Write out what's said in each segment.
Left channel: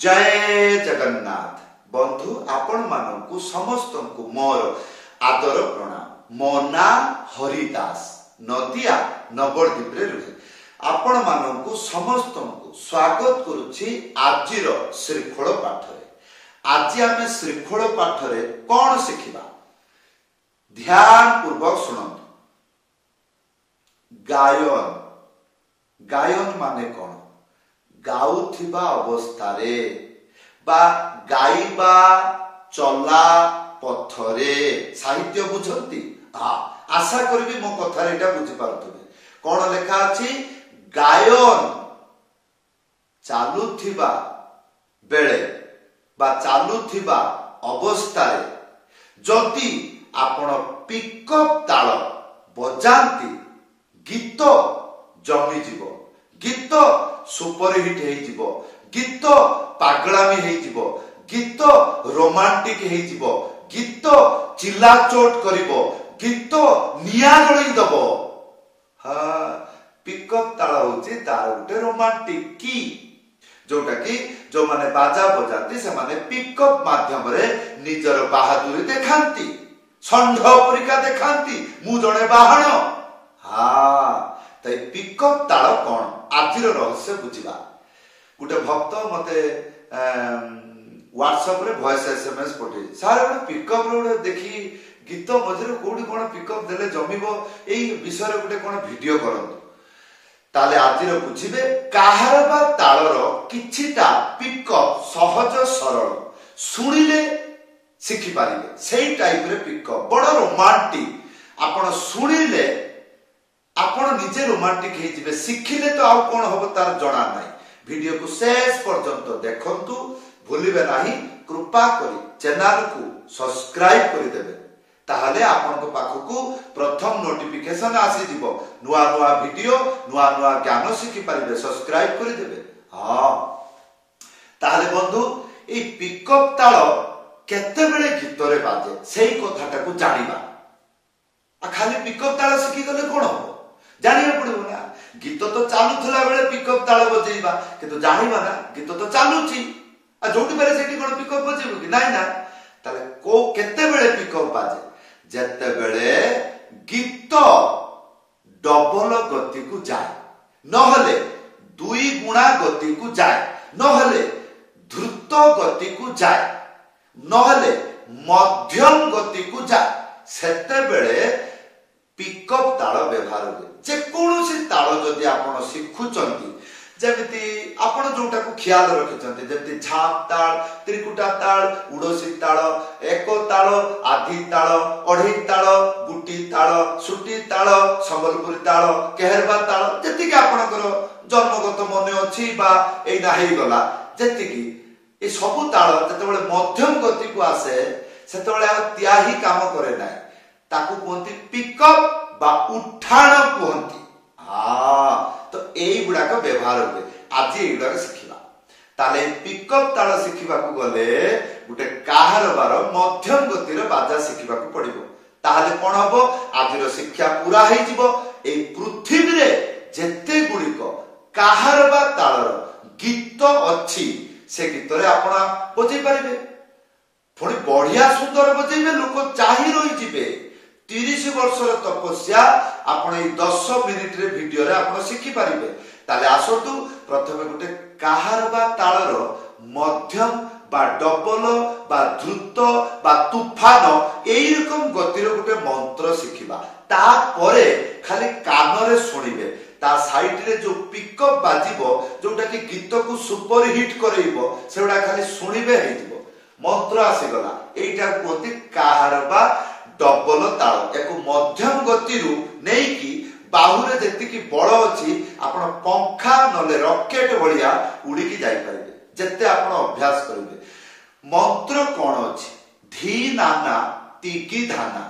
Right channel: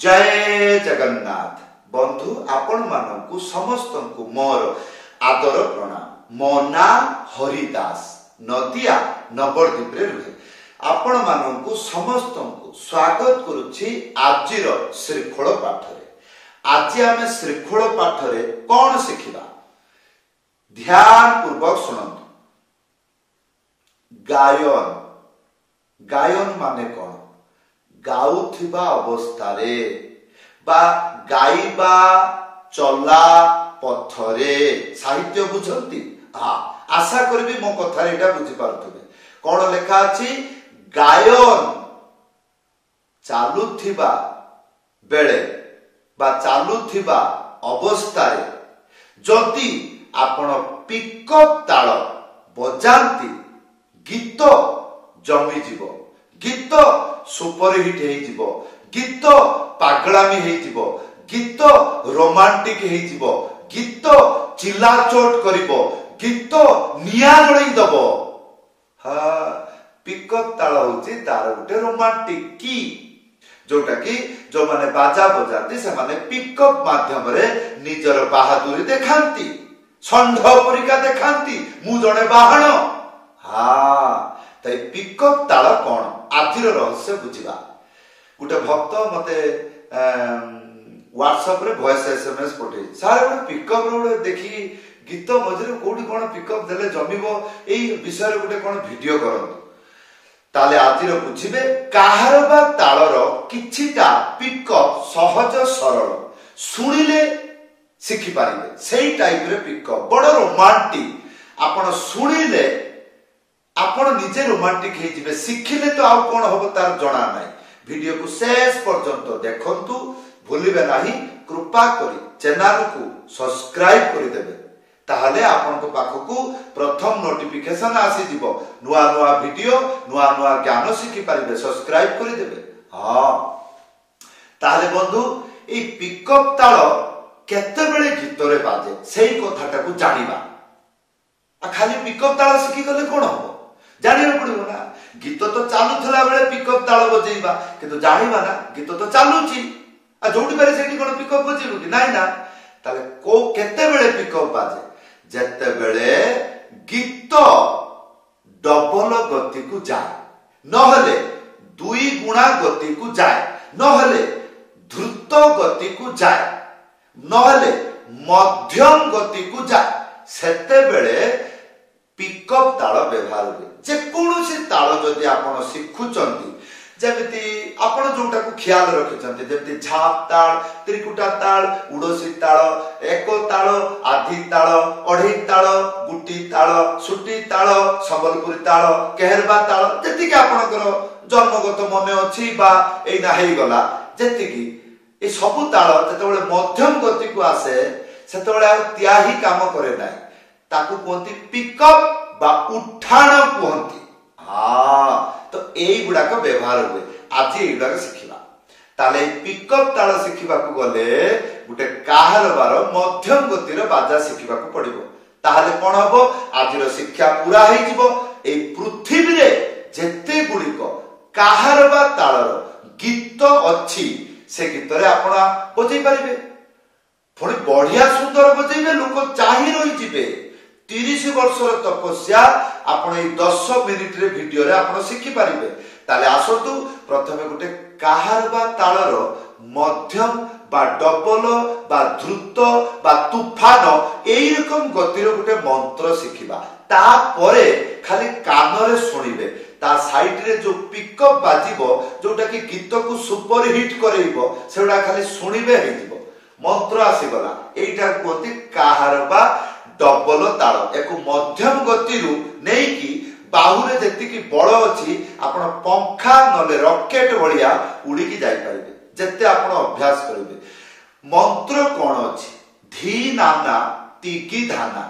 जय जगन्नाथ बंधु आपण मानू समस्त को मोर आदर प्रणाम। मो ना हरिदास नदिया नवद्वीप रुहे आपण मानू समस्त को स्वागत करुछि आजिर श्रृंखल पाठ रे। आज आम श्रृंखल पाठ रे कौन शिखिबा ध्यान पूर्वक सुनंतु। गायन गायन माने कौन? गाउथिबा अवस्थारे बा गाइबा चला पथरे साहित्य बुझंती। हाँ आशा करबी मो कथा एटा बुझी पारथुबे। कौन लेखा अछि? गायन चालुथिबा बेले बा चालुथिबा अवस्थारे जदि आपण पिकअप ताल बजांती गीत जमी जीव, गीत सुपरहिट हेजिबो, गीत पागलामी हेजिबो, गीत रोमांटिक हेजिबो, गीत चिल्लाचोट करिबो, गीत निया जळै दबो। हाँ पिकअप ताल होची तार गुटे रोमांटिक की जोटा कि जो माने बाजा बजाती से माने पिकअप माध्यम रे निजर बहादुरी देखांती, षंढ परिका देखांती मु जणे बाहण। हाँ तो पिकअप ताल कौन आजिर रहस्य बुझा। गोटे भक्त मते व्हाट्सएप रे वॉइस एसएमएस पठे सारे गोटे पिकअप रे देखी गीत मझे कोठी कौन पिकअप देले जमीबो एई विषय गोटे कौन वीडियो करंतु ताले आजिर बुझिबे। काहार बा तालर किछिटा पिकअप सहज सरल सुनिले शिखि पारिबे सेई टाइप रे पिकअप बड़ रोमांटिक आपण सुनिले आपण निजे रोमांटिक हे जिवे। शिखिले तो आउ कोन होबो तार जणा नाही। वीडियो को शेष पर्यंत देखंतु भूलिबे नाही। कृपा करी चैनल को सब्सक्राइब करि देबे ताहले आपण को पाखकू प्रथम नोटिफिकेशन आसी दिबो। नुआ नुआ वीडियो नुआ नुआ ज्ञान शिखि पारिबे खाली करि देबे। हां ताहले बंधु ए पिकअप ताल केते बेले गीत रे बाजे सेही कथाटा को जानिबा। आ खाली पिकअप ताल शिखि गले कोन हो जानिबा पड़िबो ना। गीत तो चालुथला बेले पिकअप ताल बजेइबा किंतु जानिबा ना गीत तो चालुची आ जोटी बेले सेठी कोन पिकअप बजेइबो कि नाही ना। ताले को केते बेले पिकअप बाजे जते बेले गीत डबल गति को जाए नहले दुई गुणा गति को जाए नहले द्रुत गति को जाए नहले मध्यम गति को जाए सेते बेले पिकअप ताल व्यवहार हुए। जेकोसी ताल जदि आपण शिखुचंती जेमिति आपण जोटा को ख्याल रखिचंती जेमिति झाप ताल, त्रिकुटा ताल, उडोसी ताल, एको ताल, आधी ताल, अढेई ताल, गुटी ताल, सुटी ताल, संबलपुरी ताल, केहरबा ताल जेति कि आपणकर जन्मगत मने अछि बा एना हेई गला जेति कि ए सबु ताल जेतेबेले मध्यम गति को आसे सेतेबेले आ त्याही काम करे नाही ताकू कहती पिकअप बा उठाण कहती। हाँ तो एई गुडा को व्यवहार हुए आज एई गुडा शिखिबा। ताले पिकअप ताल शिखिबा को गले गुटे काहार बार मध्यम गतिर बाजा शिखिबा को पड़िबो। ताहाले कोन हबो आजिर शिक्षा पूरा हेई जिवो। एई पृथ्वी रे जेते गुडिको काहार बा तालर गीत अछि से गीत रे आपण बजै परिबे पुणी बढ़िया सुंदर बजेबे लोक चाहि रही जिवे। 30 वर्षर तपस्या आपण 10 मिनिट रे वीडियो रे आपण शिखि पारिबे। ताले आसतु प्रथमे गुटे काहार बा तालर मध्यम बा डबल बा द्रुत बा तूफान एई रकम गतिर गुटे मंत्र शिखिबा। ता परे खाली कान रे सुनिबे ता साइड रे जो पिकअप बाजिबो जोटा कि गीत को सुपर हिट करैबो सेउडा खाली सुनिबे हेजिबो। मंत्र आसीगला एइटा कोती काहार बा डबल ताल। एको मध्यम गति रु नै कि बाहुरे जेतिकी बळ अछि आपण पंखा नले रॉकेट भलिया उडी की जाई परिबे जत्ते आपण अभ्यास करिवे। मंत्र कोन अछि? धी नाना तिकी धाना।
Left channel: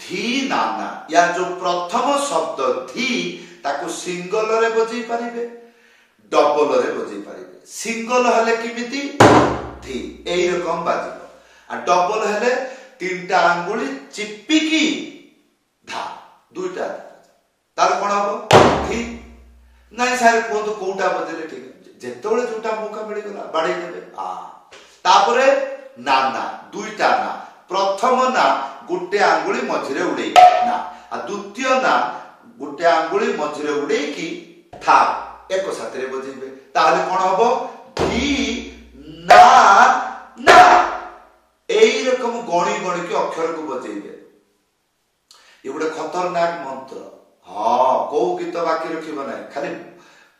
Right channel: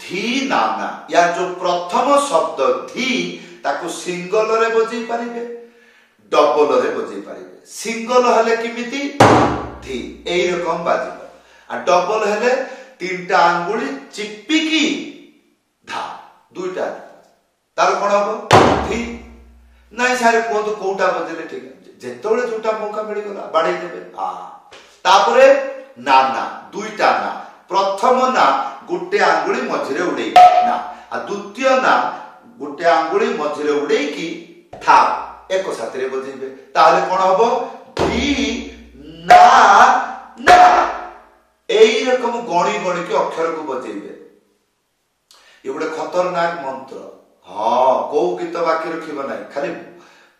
धी नाना या जो प्रथम शब्द धी ताको सिंगल रे बजै परिबे डबल रे बजै परिबे। सिंगल हले किमिति धी एई रकम बाजिबो आ डबल हले तीनटा आंगुली चिपिकी धा दुईटा तार कोन हबो धी नाई सारे कहतु कोटा बजेले ठीक जेतेबेले जोटा मौका मिलगला बाड़े देबे तापरे ना ना दुईटा ना प्रथम ना गोटे आंगुली मझिरे उड़े ना आ द्वितीय ना गोटे आंगुली मझिरे उड़े की था एक साथ रे बजेबे ताहले कोन हबो धी ना ना एई रकम गणी गणी के अक्षर को बजेबे ये गोटे खतरनाक मंत्र हाँ को गीत बाकी रखिब ना खाली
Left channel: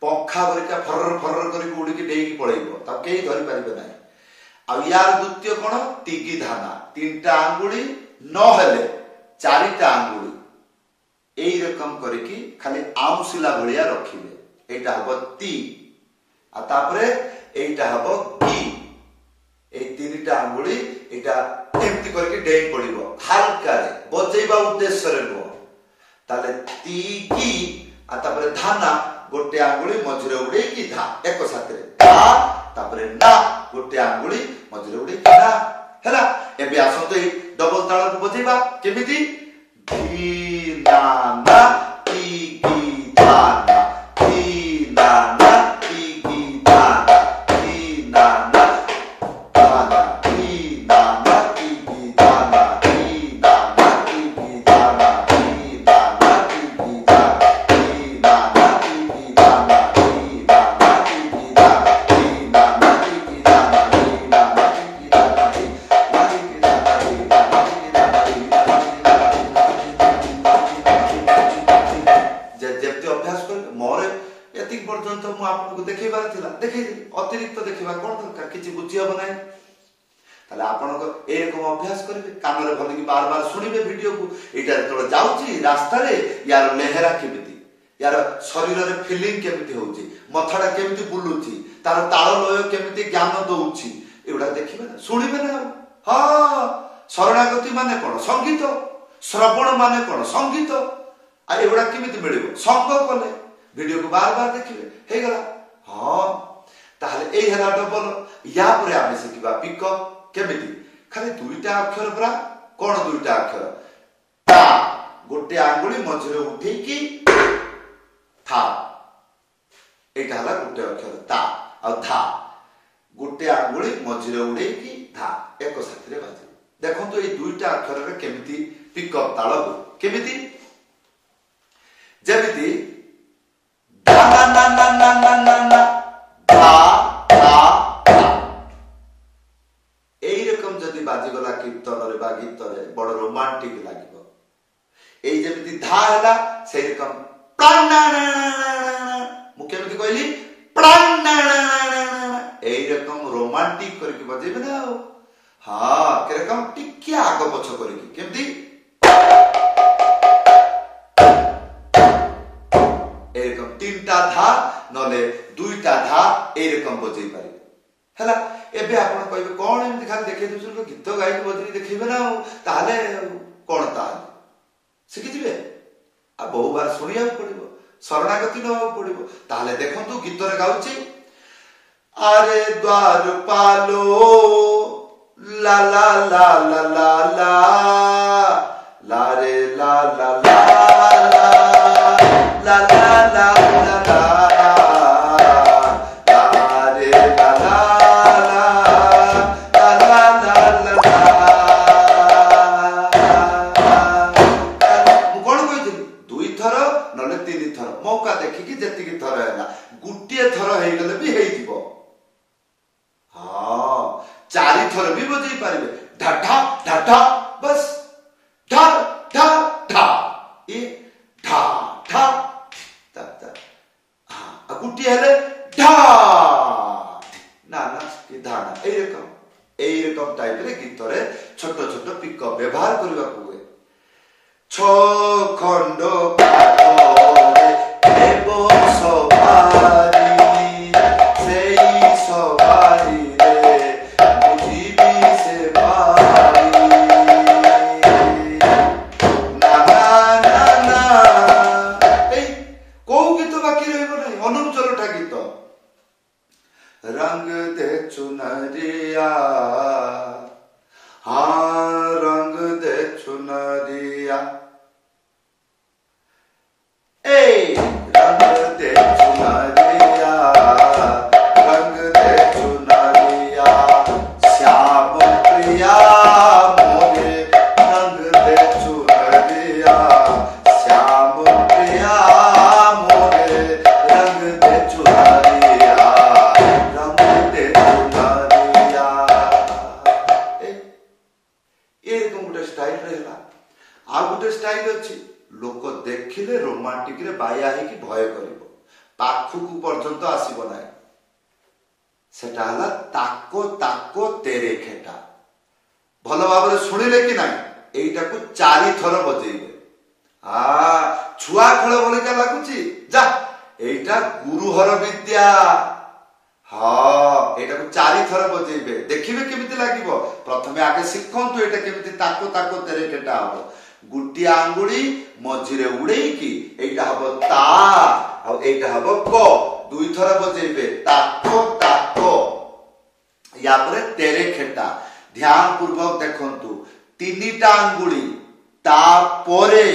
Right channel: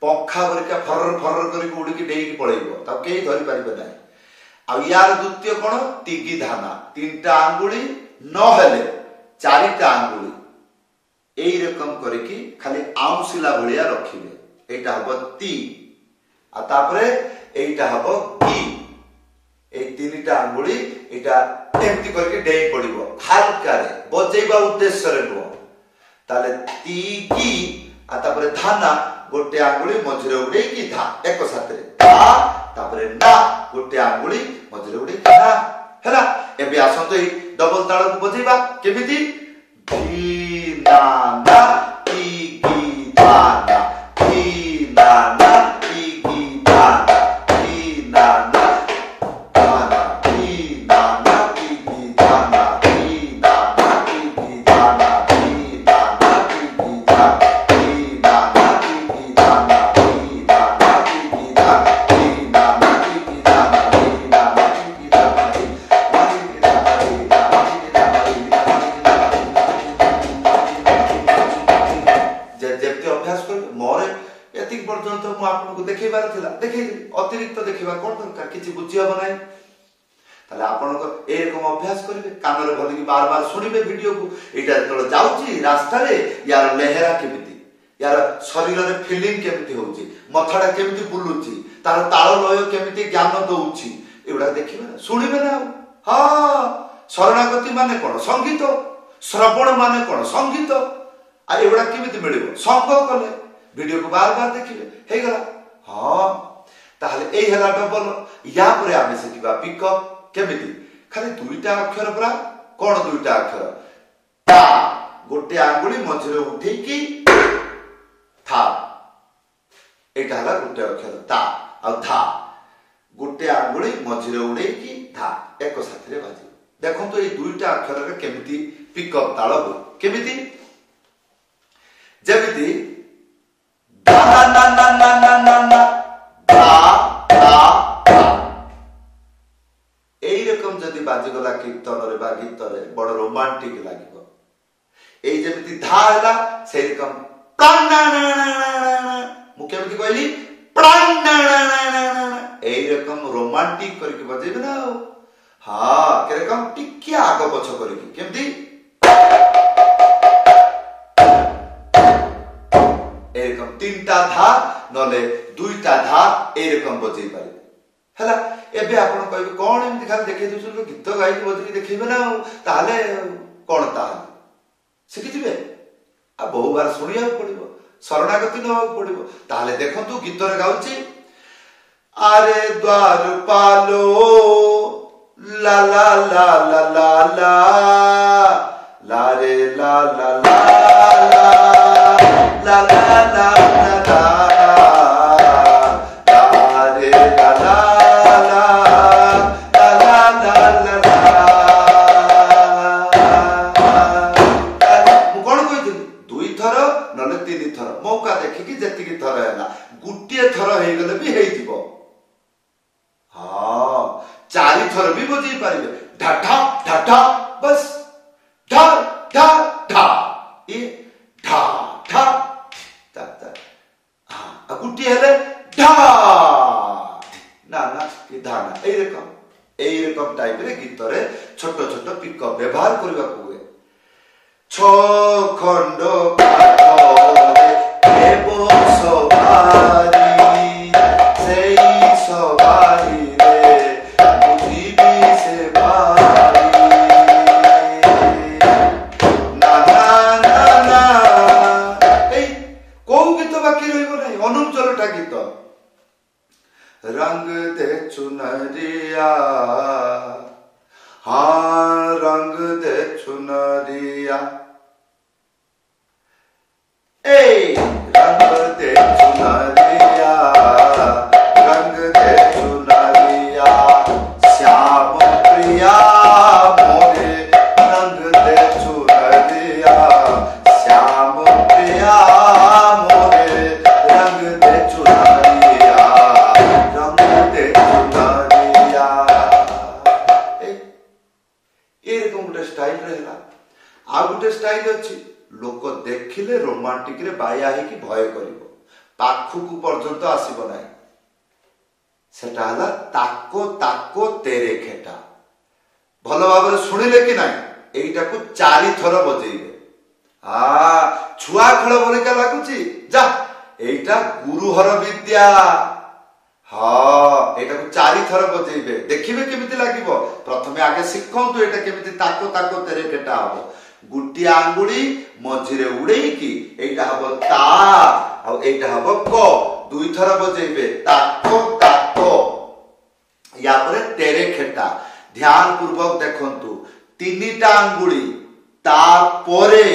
पंखा बरिका फरर फरर करके उड़ी डेई पळेइबो तब केही धरि पारिबे ना आ यार द्वितीय कोन तिगी धाना तीनटा आंगुली न हेले चारिटा आंगुली एई रकम करके खाली आउसिला भलिया रखिबे एटा हबो ती आ तापरे एटा हबो की ए तीनटा आंगुली एटा एमती करके डेई पड़िबो हल्का रे बजेइबा उद्देश्य रे नो ताले ती की आ तापरे धाना गोटे आंगुली मझिरे उड़े की धा एक साथ रे धा तापरे ना गोटे आंगुली मझिरे उड़े की ना हैला एबे आसंतो ई डबल ताल को बजेइबा केमिति धी ना ना ती की धा ना धी ना ना ती की धा ना धी ना ना अतिरिक्त देखा कौन दरकार किसी बुझी हम ना ताले आपन ए रकम अभ्यास करेंगे कान रे भल की बार बार सुनिबे वीडियो को एटा तो जाउची रास्ता रे यार लेहरा केमिति यार शरीर रे फीलिंग केमिति होउची मथडा केमिति बुलुची तार ताल लय केमिति ज्ञान दउची एउडा देखिबे ना सुनिबे ना हां शरणागति माने कोन संगीत श्रवण माने कोन संगीत आ एउडा केमिति मिलिबो संग कले वीडियो को बार बार देखिबे हे गला हां ताहले एई हला डबल या परे आमे सिखिबा पिकअप केमिति खाली दुईटा अक्षर परा कोन दुईटा अक्षर ता गोटे आंगुली मझिरे उठे की था एटा हला गोटे अक्षर ता आ धा गोटे आंगुली मझिरे उड़े की था एक साथ रे बाजी देखो तो ए दुईटा अक्षर रे केमिति पिकअप ताल हो केमिति जेमिति दा ना ना ना ना ना ना बाजीगला कीर्तन रे बा गीत रे बड़ रोमांटिक लागिबो एई जेमिति धा हला सेई रकम प्राण मु केमिति कहली प्राण एई रकम रोमांटिक करके बजेबे ना हां के रकम टिकिया आगो पछ करके केमिति एई रकम तीनटा धा नले दुईटा धा एई रकम बजेई पारि हला एबे आपण कहबे कोन एमति खाली देखै दुसुन गीत गाई बजरी देखैबे ना ताले कोन ताले सिखि दिबे आ बहु बार सुनिया पड़िबो शरणागति न हो पड़िबो ताले देखंतु गीत रे गाउची आरे द्वार पालो ला ला ला ला ला ला ला रे ला ला ला ला ला ला ला मौका देखिकी जेतिकी थर हैला गुटिए थर हे गले भी हेई दिबो हां चारि थर भी बजै पारिबे ढाढा ढाढा बस ढा ढा ढा ए ढा ढा ता ता हां गुटिए हेले ढा ना ना ए धा ना एई रकम टाइप रे गीत रे छोटो छोटो पिकअप व्यवहार करबा को हुए छ खंड पाठ एबो सवारी सेई सवारी रे बुझिबी से पारी ना ना ना ना ए को गीत बाकी रहइबो नै अनुचलटा गीत रंग दे चुनरिया हां रंग दे चुनरिया ए रंग दे चुनरिया आ गोटे स्टाइल अच्छी लोक देखिले रोमांटिक रे बाया है कि भय करिवो पाखुकु पर्यंत आसीबो नाही सेटा हला ताको ताको तेरे खेटा भलो भाबरे सुनिले कि नाही एइटा को 4 थर बजेइबे छुआ खेल भलिका लागुची जा एइटा गुरुहर विद्या हाँ एटा को 4 थर बजेइबे देखिबे केमिति लागिबो प्रथमे आगे शिखंतु एटा केमिति ताको ताको तेरे केटा हबो गुटी आंगुली मझिरे उड़ेई की एटा हबो ता आ एटा हबो को 2 थर बजेइबे ताको ताको या परे तेरे खेटा ध्यान पूर्वक देखंतु 3टा आंगुली ता परे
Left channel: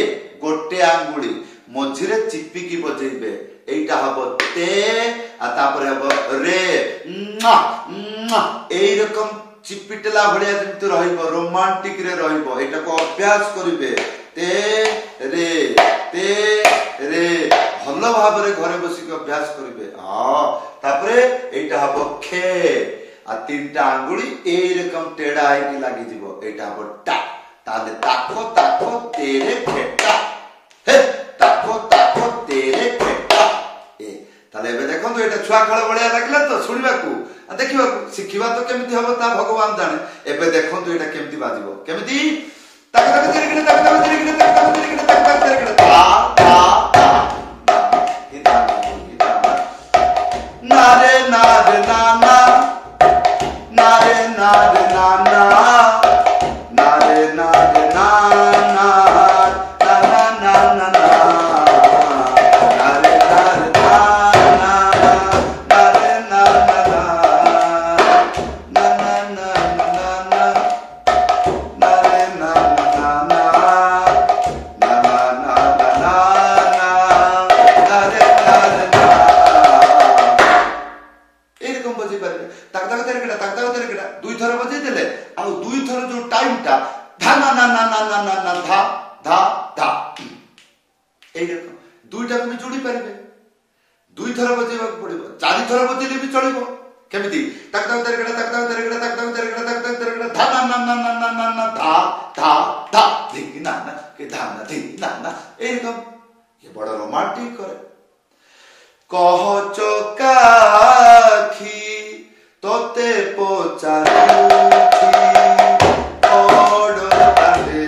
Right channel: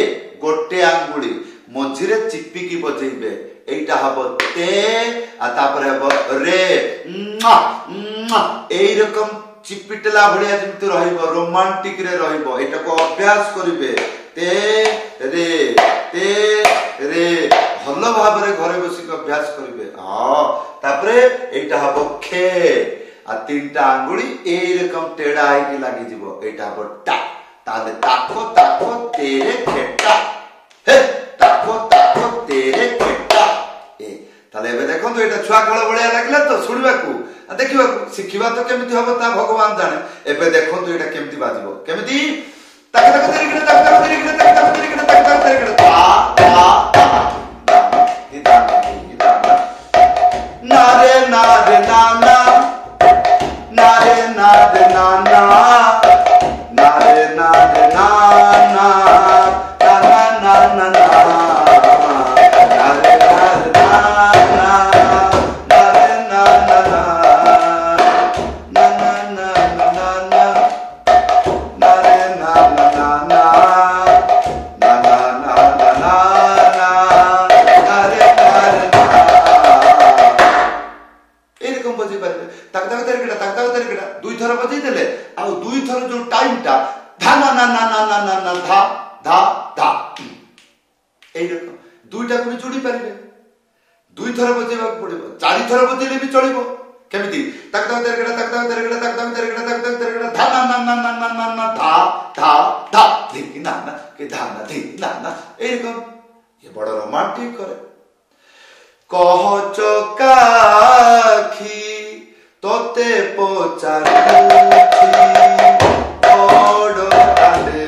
गोटे आंगुली मझिरे चिपिकी बजेइबे एटा हबो ते आ तापरे हबो रे एई रकम चिपिटला भड़िया जेमति रहइबो रोमांटिक रे रहइबो एटा को अभ्यास करिवे ते रे भलो भाबरे घरे बसी के अभ्यास करिवे हां तापरे एटा हबो खे आ 3टा आंगुली एई रकम टेढ़ा है कि लागि जिवो एटा हबो टा ताले ताको ताको तेरे खेटा हे ताको ताको तेरे खेटा ए ताले एबे देखो तो एटा छुआ खेल बढिया लागला तो सुनिबा को देखिबा को सिखिबा तो केमिति हबो ता भगवान जाने एबे देखो तो एटा केमिति बाजिबो केमिति ताको ताको तेरे खेटा ताको ताको तेरे खेटा ताको ताको तेरे खेटा ताको ताको तेरे खेटा ता ना रे ना रे ना ना ना रे ना रे ना ना na re na re na na na na na na na na re na re na na na re na na na na na na na na na re na na na na na na na na na na re na एरकम बजे पारे ताक ताक तेरे केटा 2 थर बजे देले आ 2 थर जो टाइम ता धा ना ना ना ना ना ना धा धा धा एरकम दुईटा को भी जोड़ी पारिबे 2 थर बजेबा पड़िबो 4 थर बजेले भी चलिबो केमिति ताक ताक तेरे केटा ताक ताक तेरे केटा ताक ताक तेरे केटा ताक ताक तेरे केटा धा ना ना ना ना ना ना ना धा धा धा धी ना ना के धा ना धी ना ना एरकम ये बड़ा रोमांटिक करे कह चकाखी तोते पोचारुखी ओडो ताले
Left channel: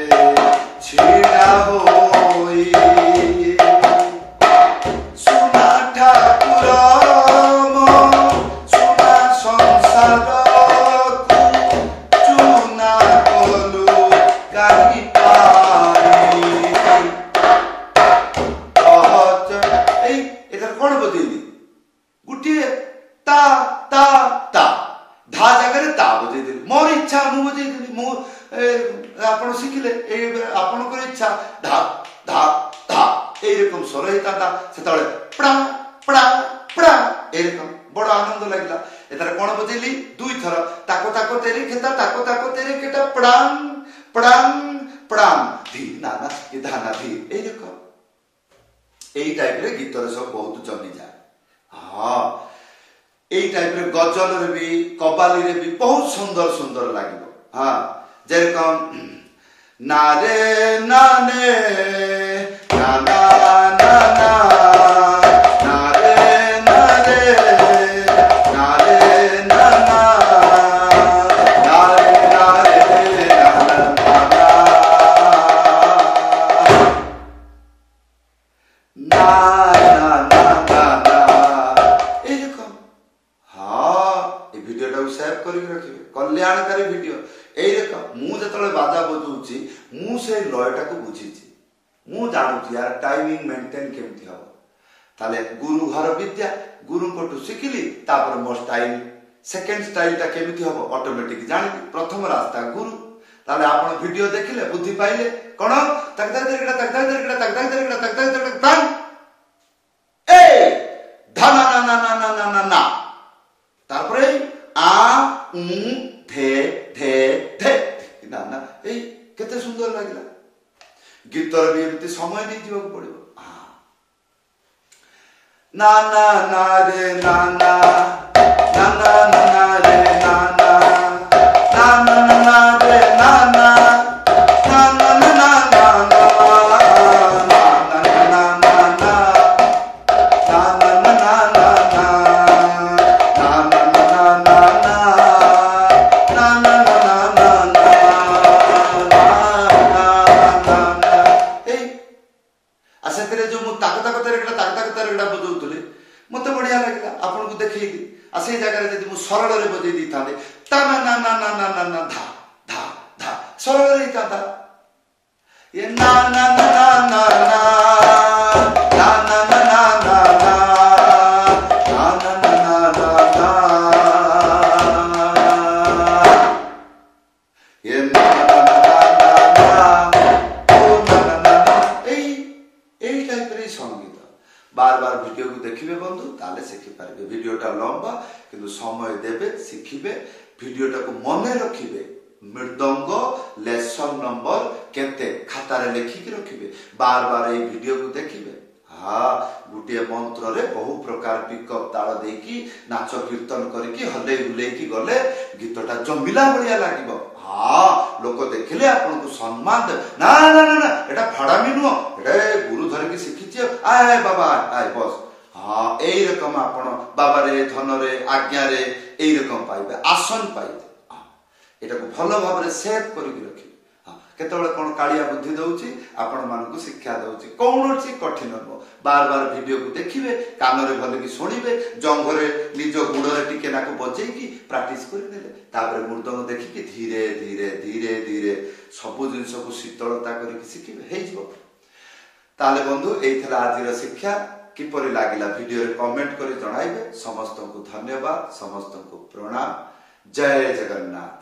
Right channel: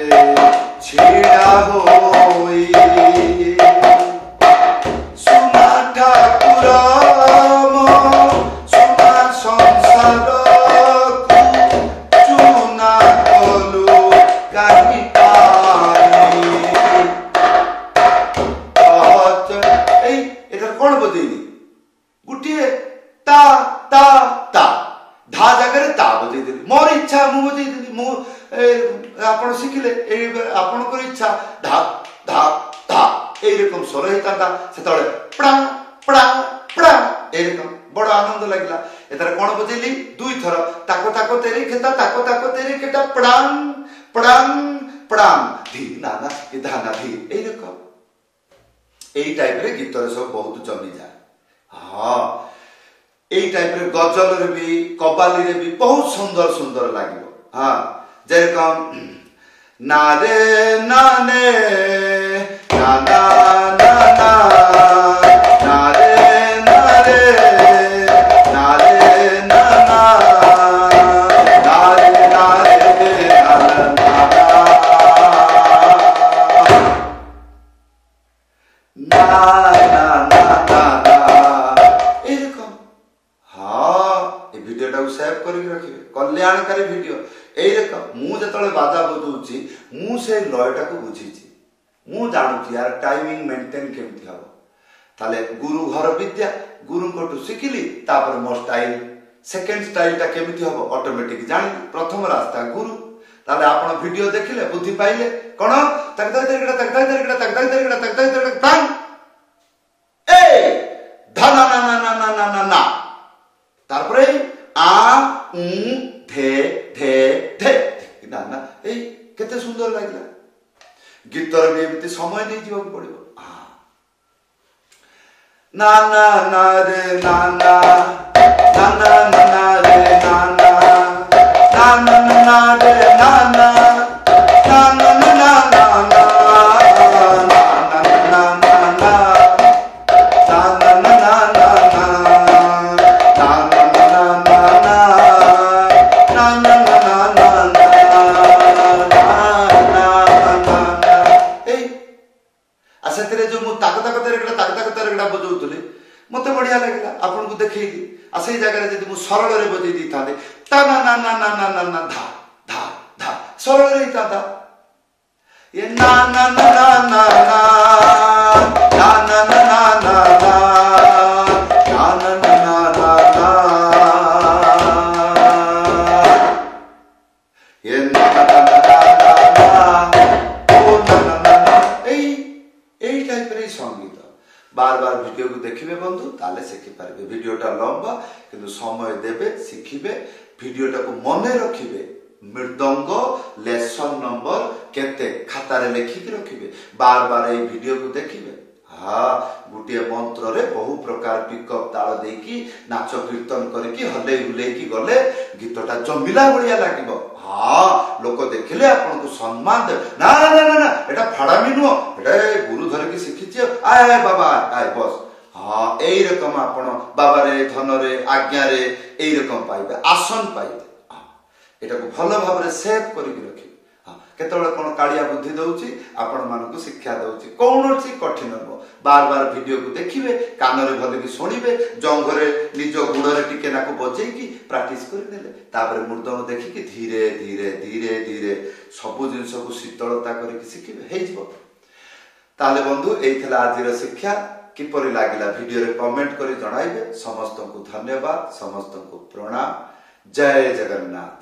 छिड़ा होई सुना ठाकुर मो सुना संसार को चुना कलु काहि पाई कौन बजेली गुटिए ता ता ता धा जगह ता बजे देली मोर इच्छा मु बजे देली मु आपण शिखिले आपण को इच्छा धा धा धा ए रकम स्वर हेता सेतळे पड़ा पड़ा पड़ा ए रकम बड़ आनंद लागला एतर कोन बजेली 2 थर ताको ताको तेरे खेता ताको ताको तेरे केटा पड़ान पड़ान पड़ान धी ना ना ये धा ना धी ए रकम एई टाइप रे गीत रे सब बहुत जमी जाए हां एई टाइप रे गजल रे भी कव्वाली रे भी बहुत सुंदर सुंदर लागिबो हां जे कोन ना रे ना ने ना ना ना ना ना रे ना रे ना रे ना ना ना रे ना रे ना ना ना ना ना एरकम हाँ ये वीडियो टाକୁ सेव କରିକି ରଖିବେ କଲ୍ୟାଣକାରୀ ଭିडिଓ ଏଇ ରକମ ମୁଁ ଯେତେବେଳେ ବାଜା ବଜାଉଛି ମୁଁ ସେ ଲୟଟାକୁ ବୁଝିଛି ମୁଁ ଜାଣୁଛି यार टाइमिंग मेंटेन केମିତି ହବ ତାଲେ ଗୁରୁ ଘର ବିଦ୍ୟା ଗୁରୁଙ୍କଠୁ ଶିଖିଲି ତାପରେ ମୋ ଷ୍ଟାଇଲ ସେକେଣ୍ଡ ଷ୍ଟାଇଲଟା କେମିତି ହବ ଅଟୋମେଟିକ ଜାଣିଲି ପ୍ରଥମ ରାସ୍ତା ଗୁରୁ ताले आपण वीडियो देखिले बुद्धि पाइले कोन तकदा तेरगडा तकदा तेरगडा तकदा तेरगडा तकदा तेरगडा तांग ए धना ना ना ना ना ना ना ना तारपरे आ उ धे धे धे ना ना ए केते सुंदर लागला गीतर भी एमती समय दे जीवा पड़िबो ना ना ना रे ना ना ना ना ना रे ना ना ना ना ना रे ना ना ना ना ना ना ना मत बढ़िया लगे आपन को देखी से जगह जब मुझे सरल बजे दी था ता ना ना ना ना ना ना ना धा धा धा सरल होता ये ना ना ना ना ना ना ना ना ना ना ना ना ना ना ना ना ये ना ना ना ना ना ओ ना ना ना এই টাইপের संगीत बार बार वीडियो को देखिए बंधु ताले शिखि पारे वीडियोटा लंबा किंतु समय देबे शिखिबे वीडियोटा को मने रखिबे मृदंग लेसन नंबर केते खातारे लिखिक रखिबे बार बार ए वीडियो को देखिबे हाँ गोटे मंत्र रे बहु प्रकार पिकअप ताल देकी नाच कीर्तन करके हले हुले की गले गीतटा जमिला बढ़िया लागिबो हाँ लोक देखिले आपन को सम्मान दे ना ना ना ना एटा फाड़ामी नुह एटा गुरु धर की शिखिछि आय आय बाबा आय बस हाँ एई रकम आपन बाबा रे धन रे आज्ञा रे एई रकम पाइबे आसन पाइबे एटा को भलो भाव रे सेव करिक रखि केतବେଳେ कोन कालिया बुद्धि दउची आपण मान को शिक्षा दउची कोनोची कठिन न बार बार वीडियो को देखिबे कान रे भले भी सुनिबे जंघरे निज गुण रे टिके ना को बजेई की प्रैक्टिस करि नेले तापर मृदंग देखि कि धीरे धीरे धीरे धीरे सब जिंस को शीतलता करि कि शिखिबे हेइ जिवो ताले बंधु एइथला आजिर शिक्षा किपरि लागिला वीडियो रे कमेंट करि जणाइबे समस्त को धन्यवाद समस्त को प्रणाम जय जगन्नाथ।